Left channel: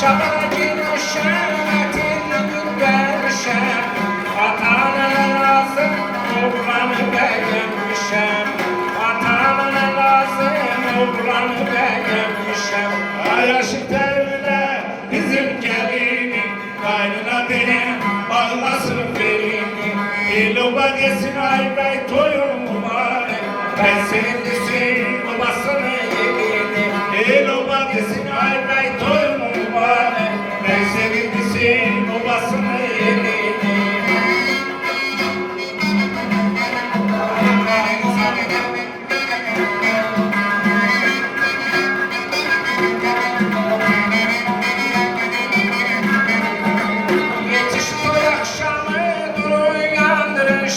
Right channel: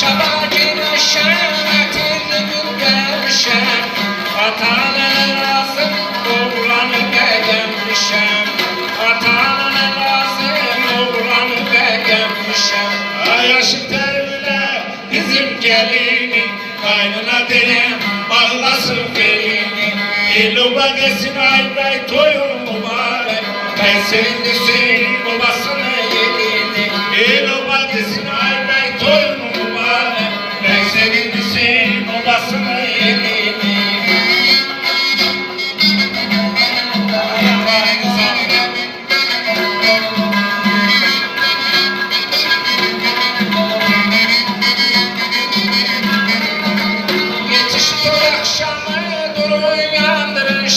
Çaba girmişem, etirimi vermişem. Atanın lazım, oğlanı beğenmişem. Atanın lazım, oğlanı beğenmişem. Ay aşık terbiyle bizim gelini, kaynına denem bağlasın belini. İloba desin ay bey toyun mübarek, ben senin desin babasını yedini. İloba desin ay bey toyun mübarek, ben senin desin babasını yedini.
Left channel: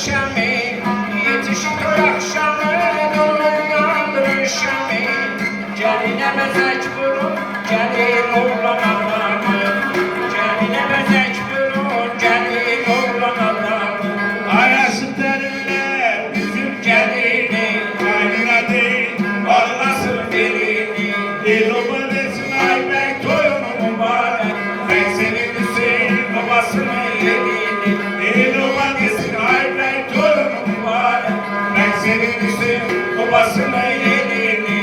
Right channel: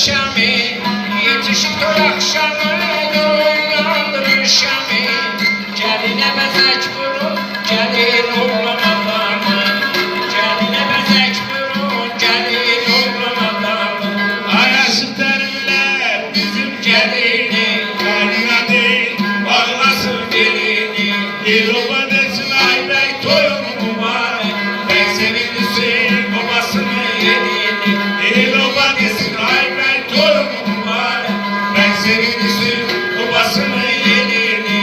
Şami, yetişip akşamı dolandırır Şami. Celine bezek vurun, celil olmamalı. Celine bezek vurun, celil olmamalı. Arası terbiyle bizim Celini, kaynına değil bağlasın dilini. İloba desin ay bey toyun mübarek, ben senin desin babasını yedini. İloba desin ay bey toyun mübarek, ben senin desin babasını yedini.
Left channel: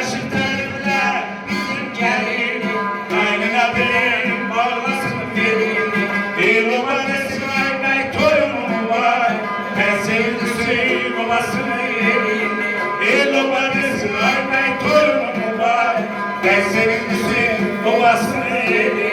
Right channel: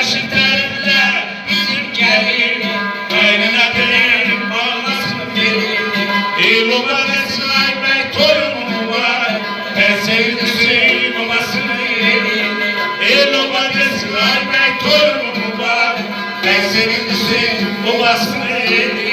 Aşık terbiyle bizim gelini, kaynına derim bağlasın belini. İloba desin ay bey toyun mübarek, ben sevdim babasını yedini. İloba desin ay bey toyun mübarek, ben sevdim babasını yedini.